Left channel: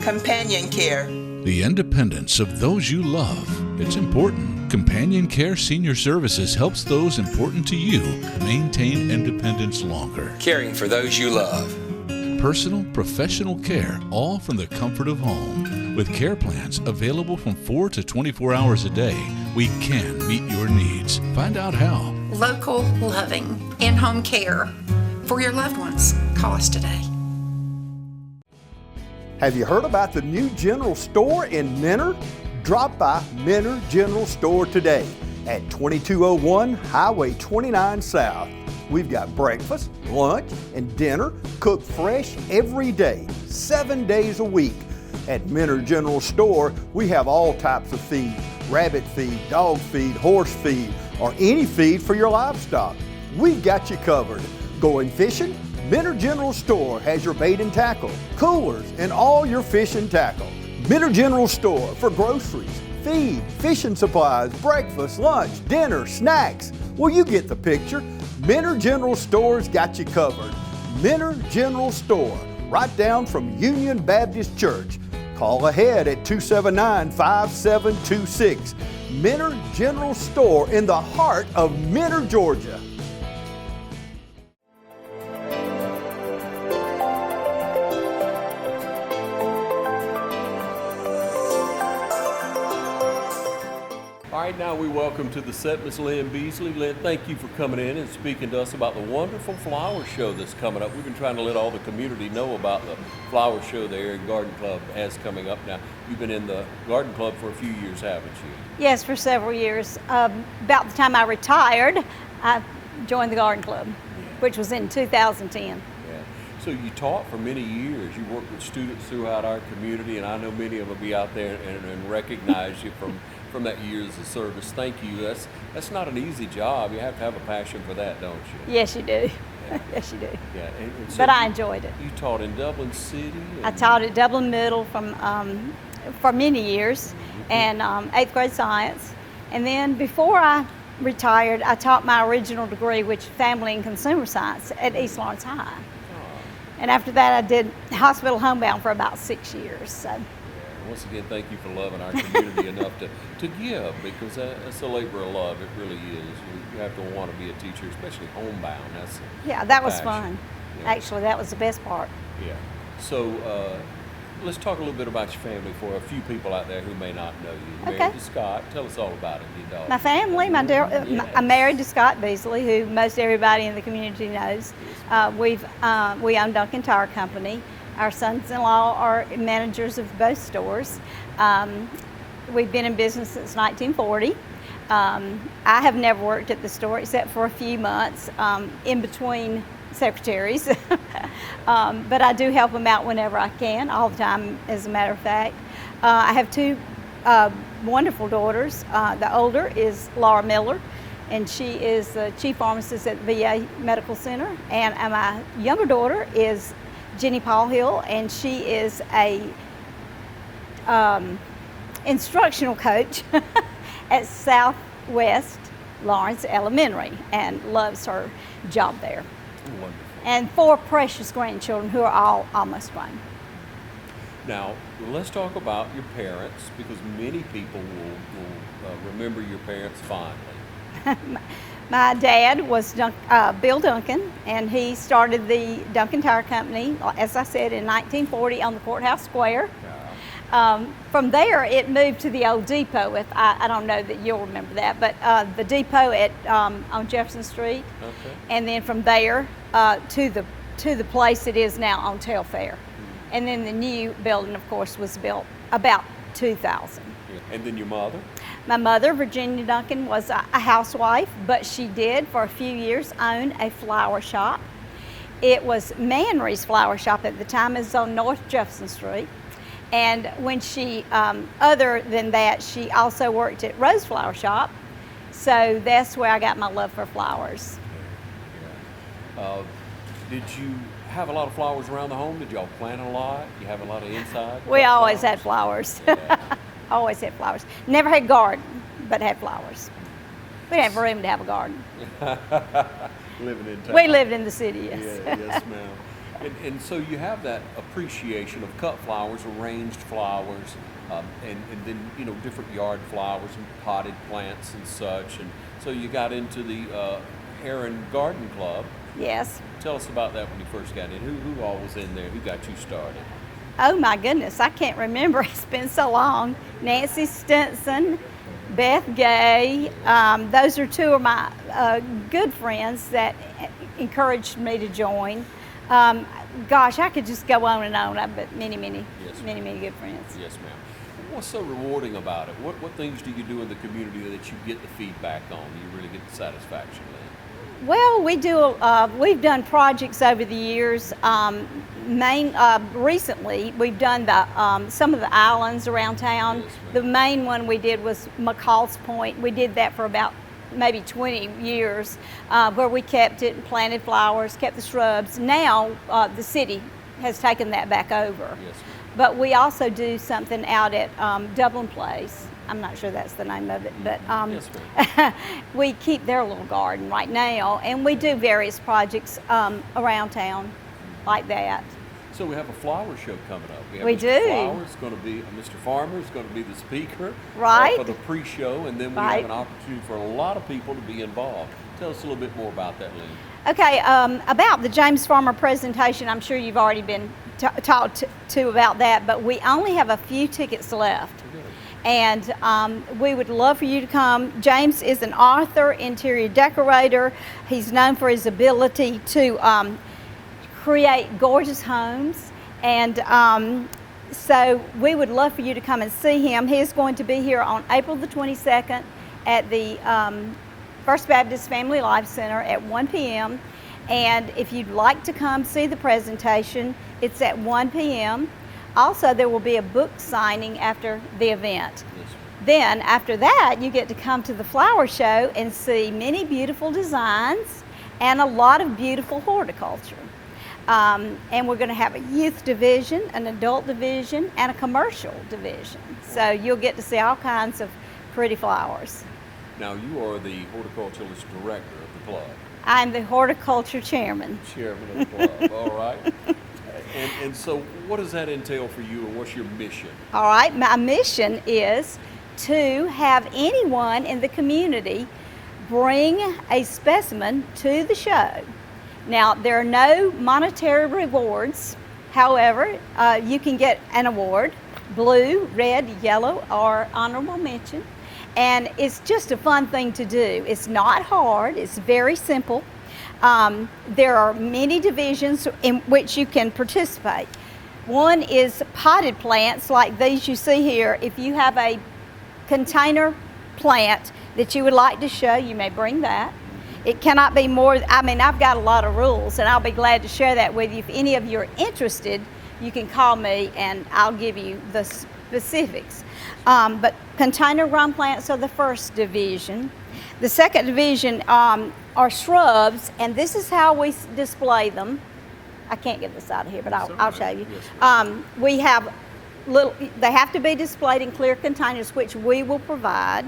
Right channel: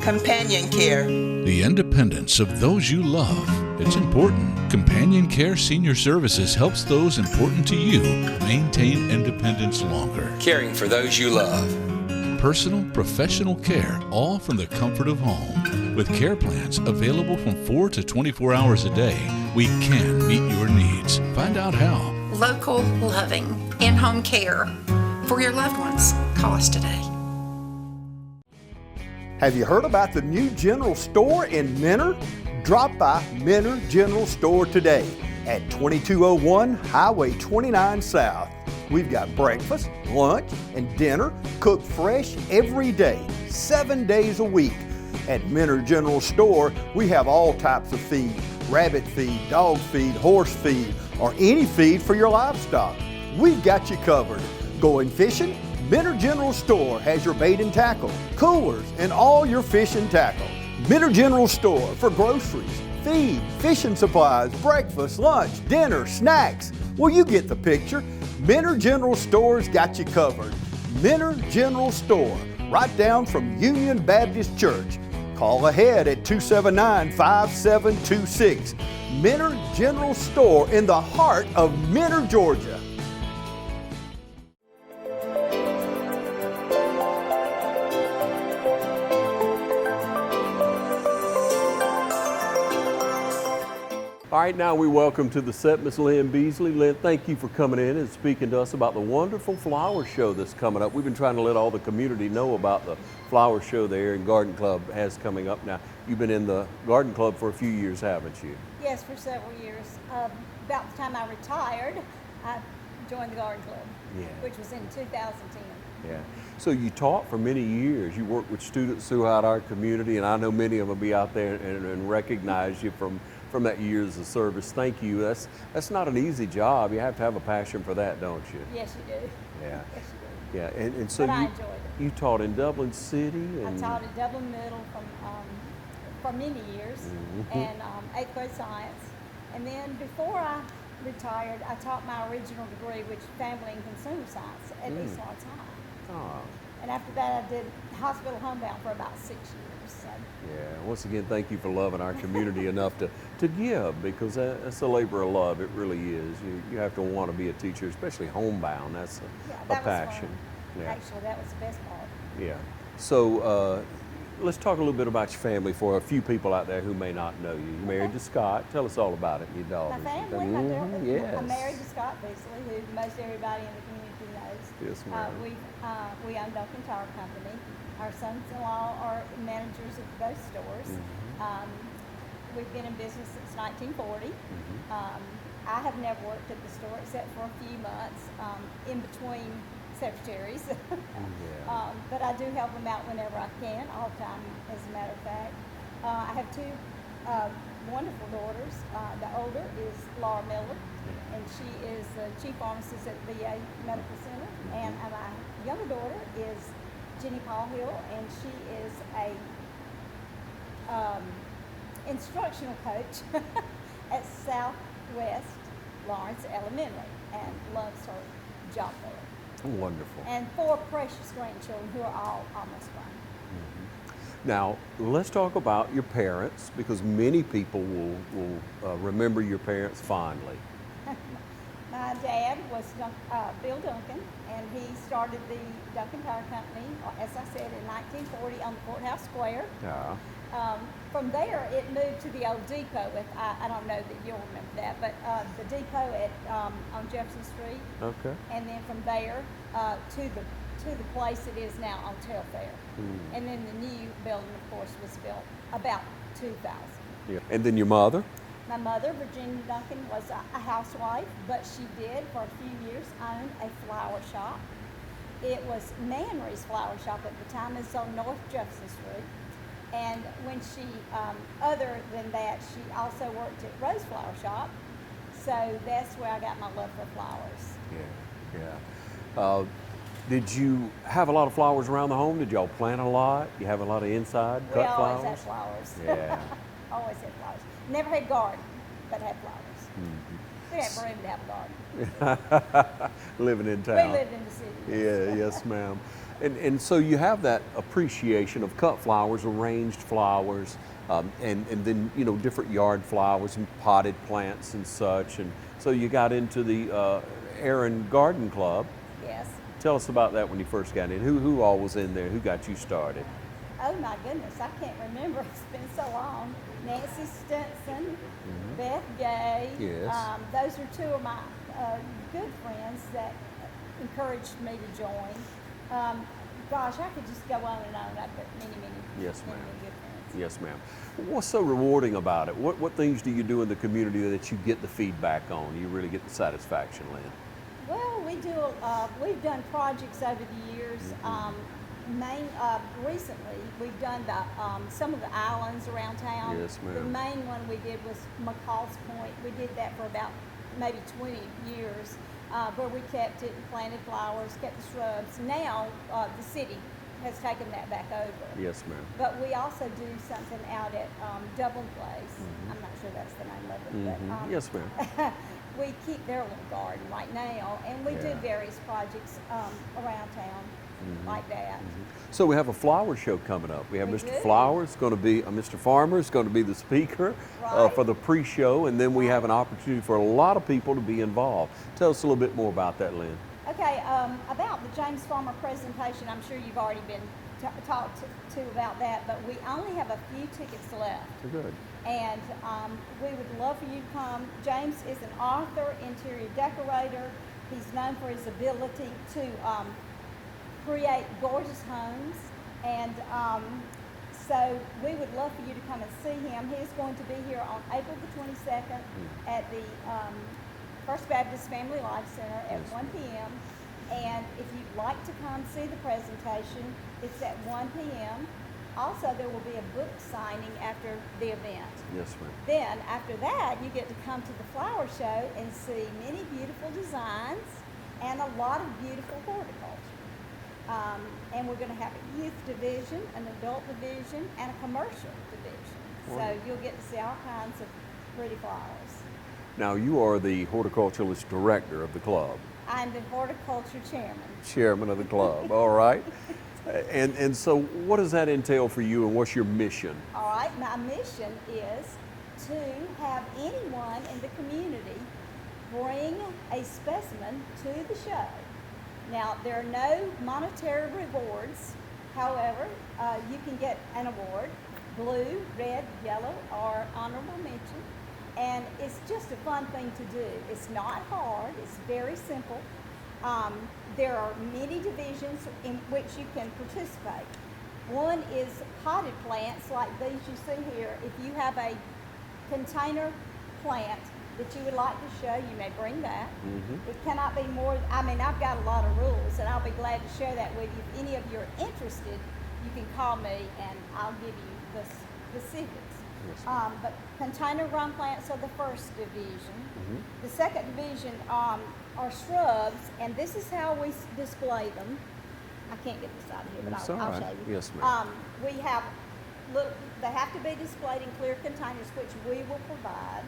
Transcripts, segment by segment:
Companion care. The independence of those you love. It's important. Companion Care Senior Services helps those important to you maintain independence longer. Caring for those you love. Personal, professional care, all from the comfort of home. With care plans available from 4 to 24 hours a day, we can meet your needs. Find out how. Local, loving, in-home care for your loved ones. Call us today. Have you heard about the new general store in Minner? Drop by Minner General Store today at 2201 Highway 29 South. We've got breakfast, lunch, and dinner cooked fresh every day, 7 days a week. At Minner General Store, we have all types of feed: rabbit feed, dog feed, horse feed, or any feed for your livestock. We've got you covered. Going fishing? Minner General Store has your bait and tackle, coolers, and all your fish and tackle. Minner General Store for groceries, feed, fishing supplies, breakfast, lunch, dinner, snacks. Well, you get the picture. Minner General Store's got you covered. Minner General Store, right down from Union Baptist Church. Call ahead at 279-5726. Minner General Store in the heart of Minner, Georgia. All right, now we welcome to the set Miss Lynn Beasley. Lynn, thank you for coming in and speaking to us about the wonderful flower show that's coming up. We've been trying to let all the community know about the flower show the Erin Garden Club has coming up. Now, you've been in the Garden Club for a few years, haven't you? Yes, for several years. About the time I retired, I joined the Garden Club, which was in 2010. Yeah. So you taught for many years. You worked with students throughout our community, and I know many of them will be out there and recognize you from that years of service. Thank you. That's not an easy job. You have to have a passion for that, don't you? Yes, you do. Yeah. Yes, you do. Yeah. And so but I enjoyed it. You taught in Dublin City? I taught at Dublin Middle for many years, and 8th grade science. And then before I retired, I taught my original degree, which is Family and Consumer Science, at East Lawrence High. And after that, I did hospital homebound for about 6 years. So. Once again, thank you for loving our community enough to give, because that's a labor of love. It really is. You have to want to be a teacher, especially homebound. Yeah, that was passion. fun. Yeah. Actually, that was the best part. Yeah. So let's talk a little bit about your family for a few people out there who may not know you. Okay. Married to Scott. Tell us all about it, your dog. My family, I'm married to Scott Beasley, who most everybody in the community knows. We own Duncan Tire Company. Our sons-in-law are managers of both stores. We've been in business since 1940. I have never worked at the store except for a few months in between secretaries. But I do help them out whenever I can, all the time, as a matter of fact. I have two wonderful daughters. The older is Laura Miller, and she is the chief pharmacist at the VA Medical Center. And my younger daughter is Jenny Paul Hill, and she is a instructional coach at Southwest Lawrence Elementary, and loves her job there. Oh, wonderful. And 4 precious grandchildren who are all almost grown. Now, let's talk about your parents, because many people will remember your parents fondly. My dad was Bill Duncan, and he started the Duncan Tire Company, as I said, in 1940 on the Courthouse Square. Yeah. From there, it moved to the old depot. I don't know that you'll remember that, but the depot on Jefferson Street. Okay. And then from there to the place it is now on Telfair. And then the new building, of course, was built about 2000. Yeah. And then your mother? My mother, Virginia Duncan, was a housewife, but she did for a few years own a flower shop. It was Manry's Flower Shop at the time. It was on North Jefferson Street. And when she, other than that, she also worked at Rose Flower Shop. So that's where I got my love for flowers. Yeah. Did you have a lot of flowers around the home? Did y'all plant a lot? You have a lot of inside? We always had flowers. Yeah. Always had flowers. Never had garden, but had flowers. We didn't have room to have a garden. Living in town. We lived in the city, yes. Yeah, yes, ma'am. And so you have that appreciation of cut flowers, arranged flowers, and then, you know, different yard flowers and potted plants and such. And so you got into the Erin Garden Club. Yes. Tell us about that when you first got in. Who all was in there? Who got you started? Oh my goodness, I can't remember. It's been so long. Nancy Stinson, Beth Gay. Yes. Those are two of my good friends that encouraged me to join. Gosh, I could just go on and on. I've got many good friends. Yes, ma'am. What's so rewarding about it? What things do you do in the community that you get the feedback on? You really get the satisfaction, Lynn? Well, we've done projects over the years. Recently, we've done some of the islands around town. Yes, ma'am. The main one we did was McCall's Point. We did that for about maybe 20 years, where we kept it and planted flowers, kept the shrubs. Now, the city has taken that back over. Yes, ma'am. But we also do something out at Dublin Place. I'm not sure that's the name of it, but Yes, ma'am. we keep their little garden right now, and we do various projects around town like that. So we have a flower show coming up. We have We Mr. do. Flower's going to be, Mr. Farmer's going to be the speaker Right. for the pre-show, and then we Right. have an opportunity for a lot of people to be involved. Tell us a little bit more about that, Lynn. Okay, about the James Farmer presentation, I'm sure you've already been talked to about that, but we only have a few tickets left. And we would love for you to come. James is an author, interior decorator. He's known for his ability to create gorgeous homes. And so we would love for you to come and see him. He is going to be here on April the 22nd at the First Baptist Family Life Center at 1 p.m. And if you'd like to come see the presentation, it's at 1 p.m. Also, there will be a book signing after the event. Yes, ma'am. Then, after that, you get to come to the flower show and see many beautiful designs and a lot of beautiful horticulture. And we're going to have a youth division, an adult division, and a commercial division. So you'll get to see all kinds of pretty flowers. Now, you are the horticulturalist director of the club. I'm the horticulture chairman. Chairman of the club, all right. And so what does that entail for you, and what's your mission? All right, my mission is to have anyone in the community bring a specimen to the show. Now, there are no monetary rewards. However, you can get an award, blue, red, yellow, or honorable mention. And it's just a fun thing to do. It's not hard, it's very simple. There are many divisions in which you can participate. One is potted plants like these you see here. If you have a container plant that you would like to show, you may bring that. It cannot be more, I've got a lot of rules, and I'll be glad to share that with you. If any of you are interested, you can call me and I'll give you the specifics. But container grown plants are the first division. The second division are shrubs, and this is how we display them. I can't get this out of here, but I'll show you. Yes, We have they have to be displayed in clear containers, which we will provide.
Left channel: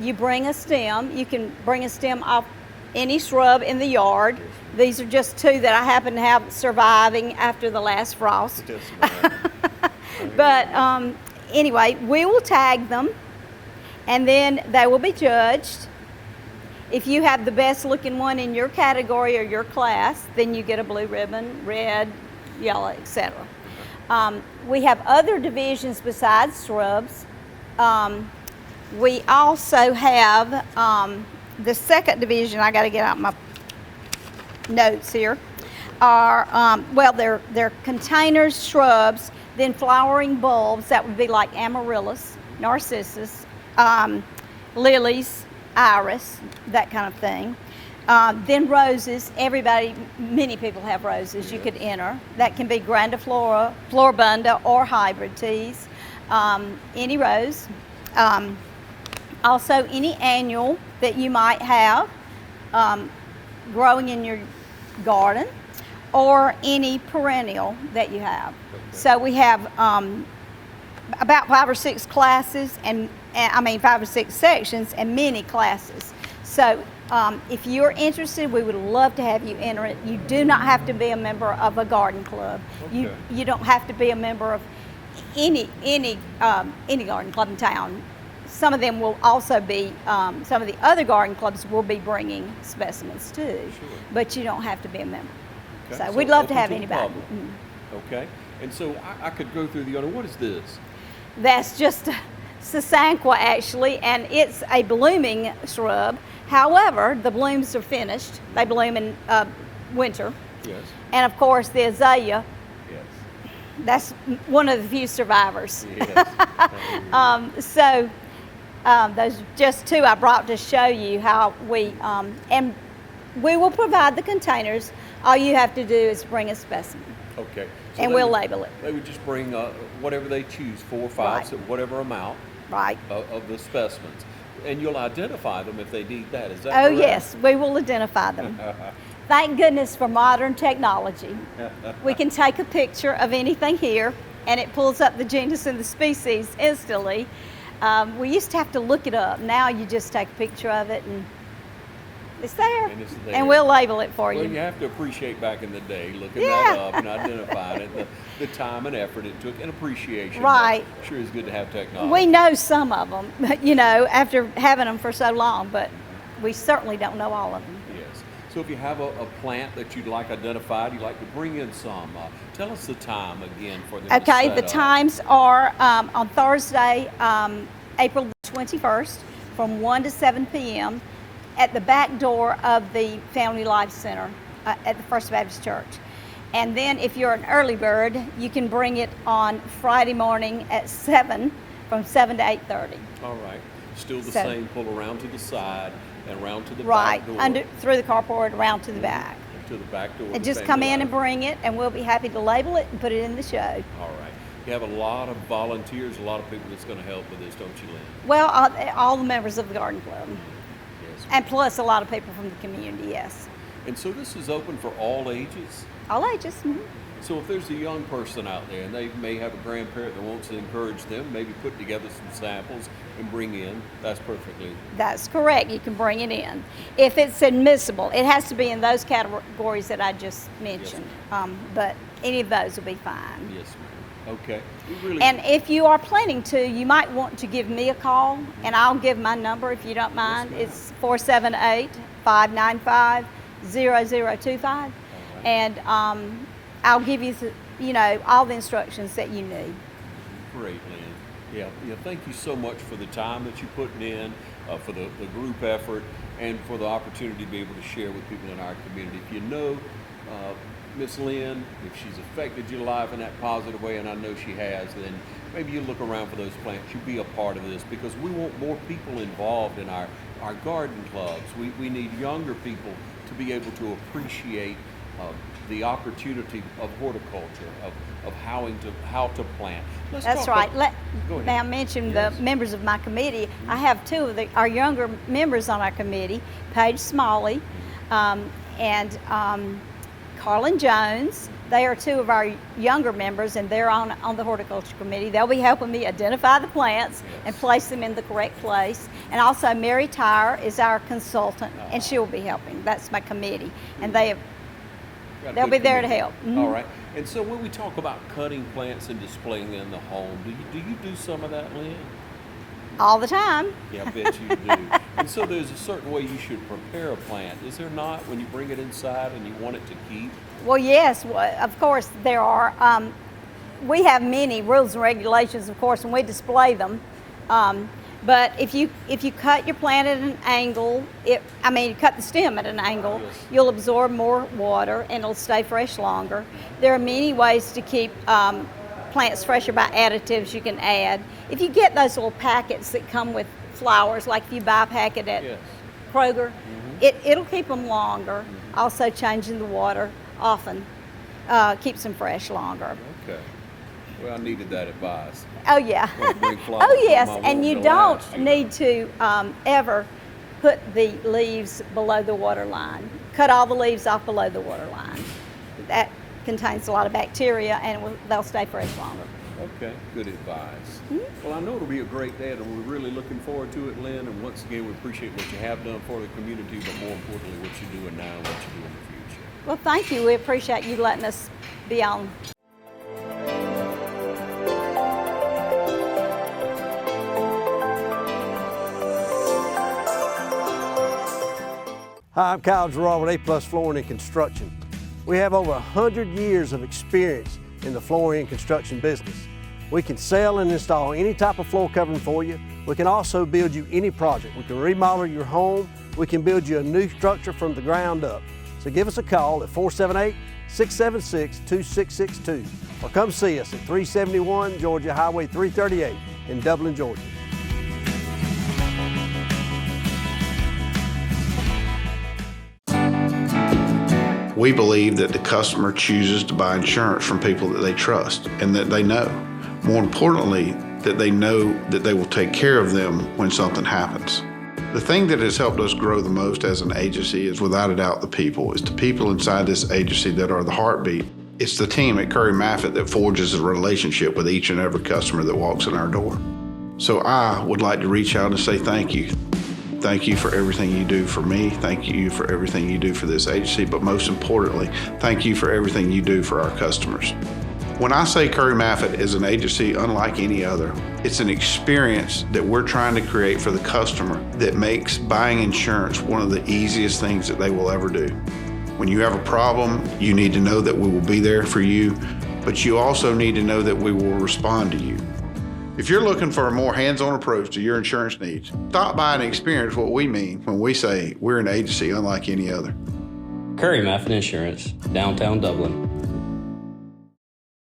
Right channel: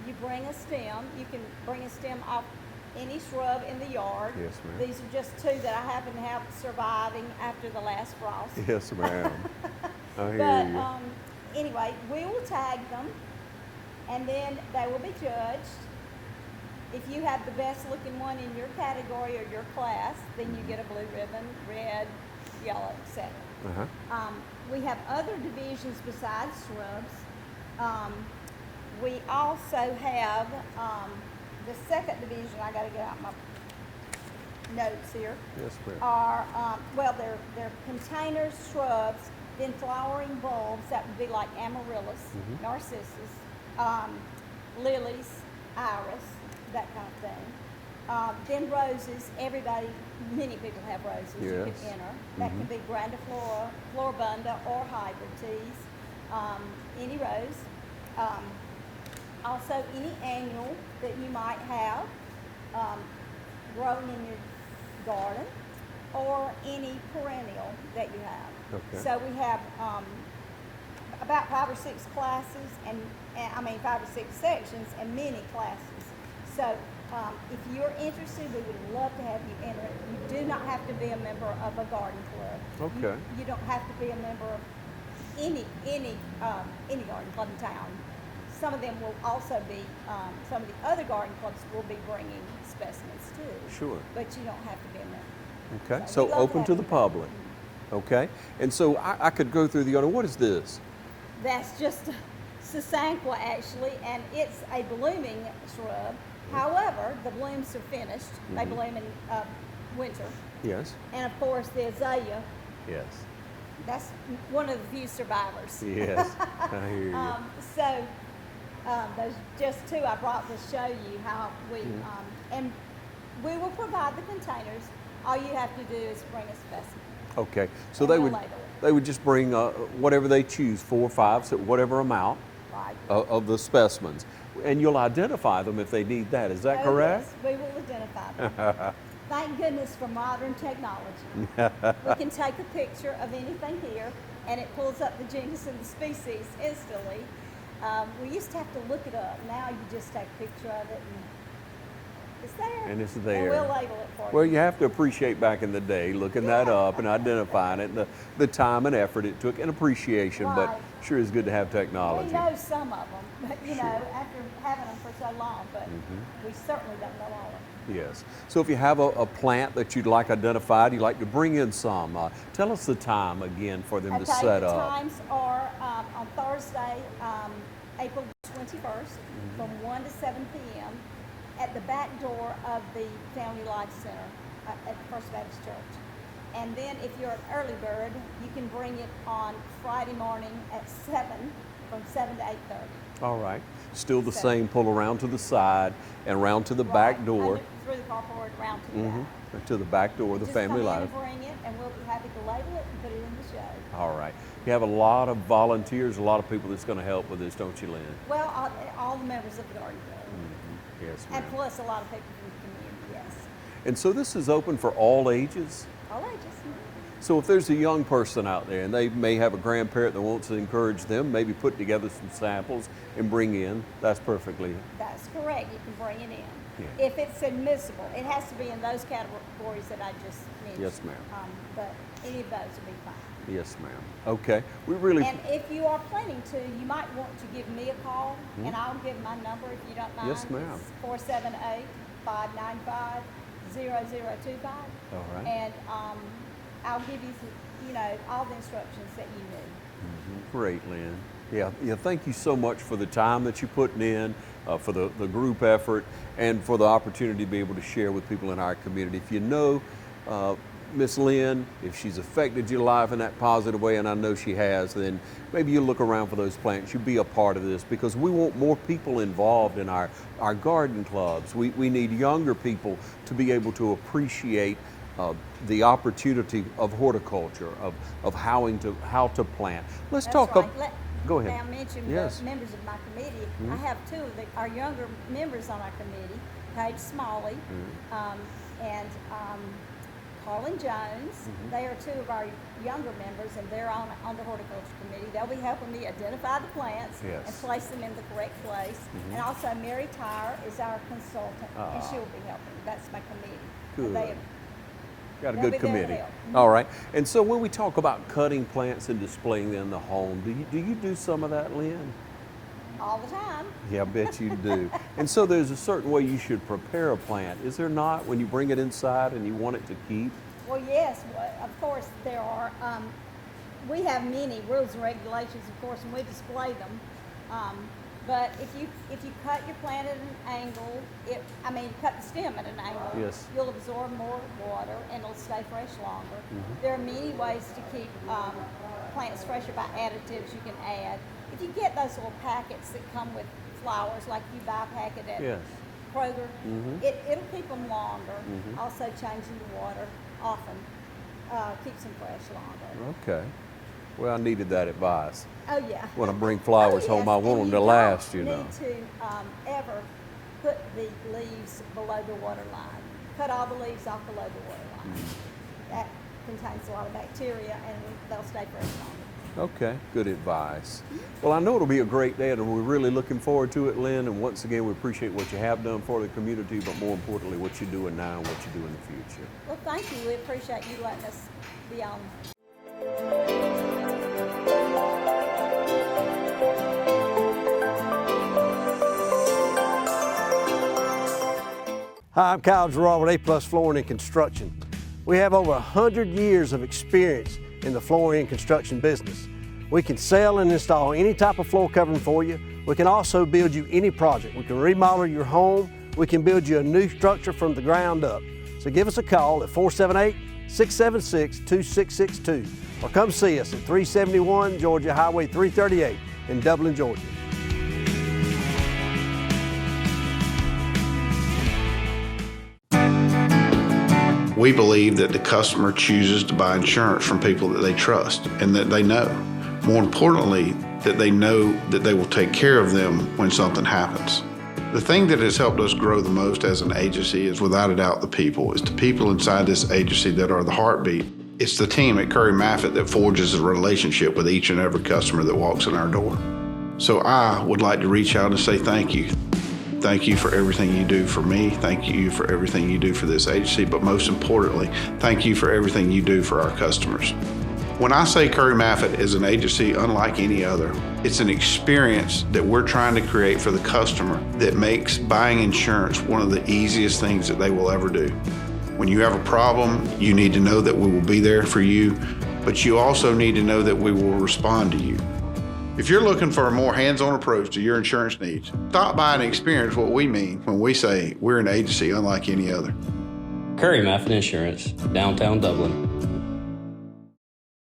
You bring a stem. You can bring a stem off any shrub in the yard. Yes, These are just two that I happen to have surviving after the last frost. Yes, ma'am. But anyway, we will tag them, and then they will be judged. If you have the best looking one in your category or your class, then you get a blue ribbon, red, yellow, etc. We have other divisions besides shrubs. We also have the second division. I got to get out my notes here. Are they're containers, shrubs, then flowering bulbs. That would be like amaryllis, narcissus, lilies, iris, that kind of thing. Then roses. Many people have roses. You could enter. That can be grandiflora, floribunda, or hybrid teas. Any rose. Also, any annual that you might have growing in your garden, or any perennial that you have. Okay. So we have about 5 or 6 classes, and 5 or 6 sections, and many classes. So If you're interested, we would love to have you enter it. You do not have to be a member of a garden club. Okay. You don't have to be a member of any garden club in town. Some of them will also be, some of the other garden clubs will be bringing specimens too. Sure. But you don't have to be a member. Okay. So we'd love to open have the anybody. public. Okay. And so I could go through the owner. What is this? That's just a sasanqua actually, and it's a blooming shrub. However, the blooms are finished. They bloom in winter. Yes. And of course, the azalea, Yes. that's one of the few survivors. Yes. I hear you. Those are just two I brought to show you how and we will provide the containers. All you have to do is bring a specimen. Okay. So And they we'll would- label it. They would just bring whatever they choose, 4 or 5, Right. so whatever amount Right. of the specimens. And you'll identify them if they need that. Is that Oh, correct? yes, we will identify them. Thank goodness for modern technology. We can take a picture of anything here, and it pulls up the genus and the species instantly. We used to have to look it up. Now you just take a picture of it, and it's there. And it's there. And we'll label it for Well, you. you have to appreciate back in the day looking that Yeah. up and identifying it, the time and effort it took, and appreciation. Right. But sure is good to have technology. We know some of them, after having them for so long, but we certainly don't know all of them. Yes. So if you have a plant that you'd like identified, you'd like to bring in some, tell us the time again for them to Okay, set the up. times are on Thursday, April the 21st, from 1 to 7 p.m. at the back door of the Family Life Center at the First Baptist Church. And then if you're an early bird, you can bring it on Friday morning at 7, from 7 to 8:30. All right. Still the So- same, pull around to the side and round to the Right, back door. through the carport, around to the back. To the back door. of And the just Family come in Life. and bring it, and we'll be happy to label it and put it in the show. All right. You have a lot of volunteers, a lot of people that's going to help with this, don't you, Lynn? Well, all the members of the garden club, Yes. and plus a lot of people from the community, yes. And so this is open for all ages? All ages. Mhm. So if there's a young person out there and they may have a grandparent that wants to encourage them, maybe put together some samples and bring in, that's perfectly. That's correct. You can bring it in. If it's admissible, it has to be in those categories that I just mentioned. But any of those will be fine. Yes, ma'am. Okay. We really. And if you are planning to, you might want to give me a call, and I'll give my number if you don't mind. ma'am. It's 478-595-0025. All right. And I'll give you, all the instructions that you need. Great, Lynn. Yeah. Thank you so much for the time that you're putting in, for the group effort, and for the opportunity to be able to share with people in our community. If you know Miss Lynn, if she's affected your life in that positive way, and I know she has, then maybe you look around for those plants. You be a part of this, because we want more people involved in our garden clubs. We need younger people to be able to appreciate the opportunity of horticulture, of how to plant. Let's That's talk right. Go ahead. May I mention Yes. the members of my committee? I have two of our younger members on our committee, Paige Smalley and Carlin Jones. They are two of our younger members, and they're on the horticulture committee. They'll be helping me identify the plants Yes. and place them in the correct place. And also Mary Tyre is our consultant, and she'll be helping. That's my committee. And Good. Got a they'll good be there to committee. help. Mhm. All right. And so when we talk about cutting plants and displaying them in the home, do you do some of that, Lynn? All the time. Yeah, I bet you do. And so there's a certain way you should prepare a plant, is there not, when you bring it inside and you want it to keep? Well, yes, of course there are. We have many rules and regulations, of course, when we display them. But if you cut your plant at an angle, you cut the stem at an angle, Yes. you'll absorb more water and it'll stay fresh longer. There are many ways to keep plants fresher by additives you can add. If you get those little packets that come with flowers, like if you buy a packet at Yes. Kroger, it'll keep them longer. Also changing the water often keeps them fresh longer. Okay. Well, I needed that advice. Oh yeah. Want to bring flowers oh yes, home, I want and them you to don't last, need to ever put the leaves below the water line. Cut all the leaves off below the water line. That contains a lot of bacteria, and they'll stay fresh longer. Okay, good advice. Well, I know it'll be a great day, and we're really looking forward to it, Lynn. And once again, we appreciate what you have done for the community, but more importantly, what you're doing now and what you do in the future. Well, thank you. We appreciate you letting us be on. Hi, I'm Kyle Gerard with A+ Flooring and Construction. We have over 100 years of experience in the flooring and construction business. We can sell and install any type of floor covering for you. We can also build you any project. We can remodel your home. We can build you a new structure from the ground up. So give us a call at 478-676-2662 or come see us at 371 Georgia Highway 338 in Dublin, Georgia. We believe that the customer chooses to buy insurance from people that they trust and that they know. More importantly, that they know that they will take care of them when something happens. The thing that has helped us grow the most as an agency is without a doubt the people. It's the people inside this agency that are the heartbeat. It's the team at Curry Maffitt that forges a relationship with each and every customer that walks in our door. So I would like to reach out and say thank you. Thank you for everything you do for me. Thank you for everything you do for this agency. But most importantly, thank you for everything you do for our customers. When I say Curry Maffitt is an agency unlike any other, it's an experience that we're trying to create for the customer that makes buying insurance one of the easiest things that they will ever do. When you have a problem, you need to know that we will be there for you, but you also need to know that we will respond to you. If you're looking for a more hands-on approach to your insurance needs, stop by and experience what we mean when we say we're an agency unlike any other. Curry Maffitt Insurance, downtown Dublin.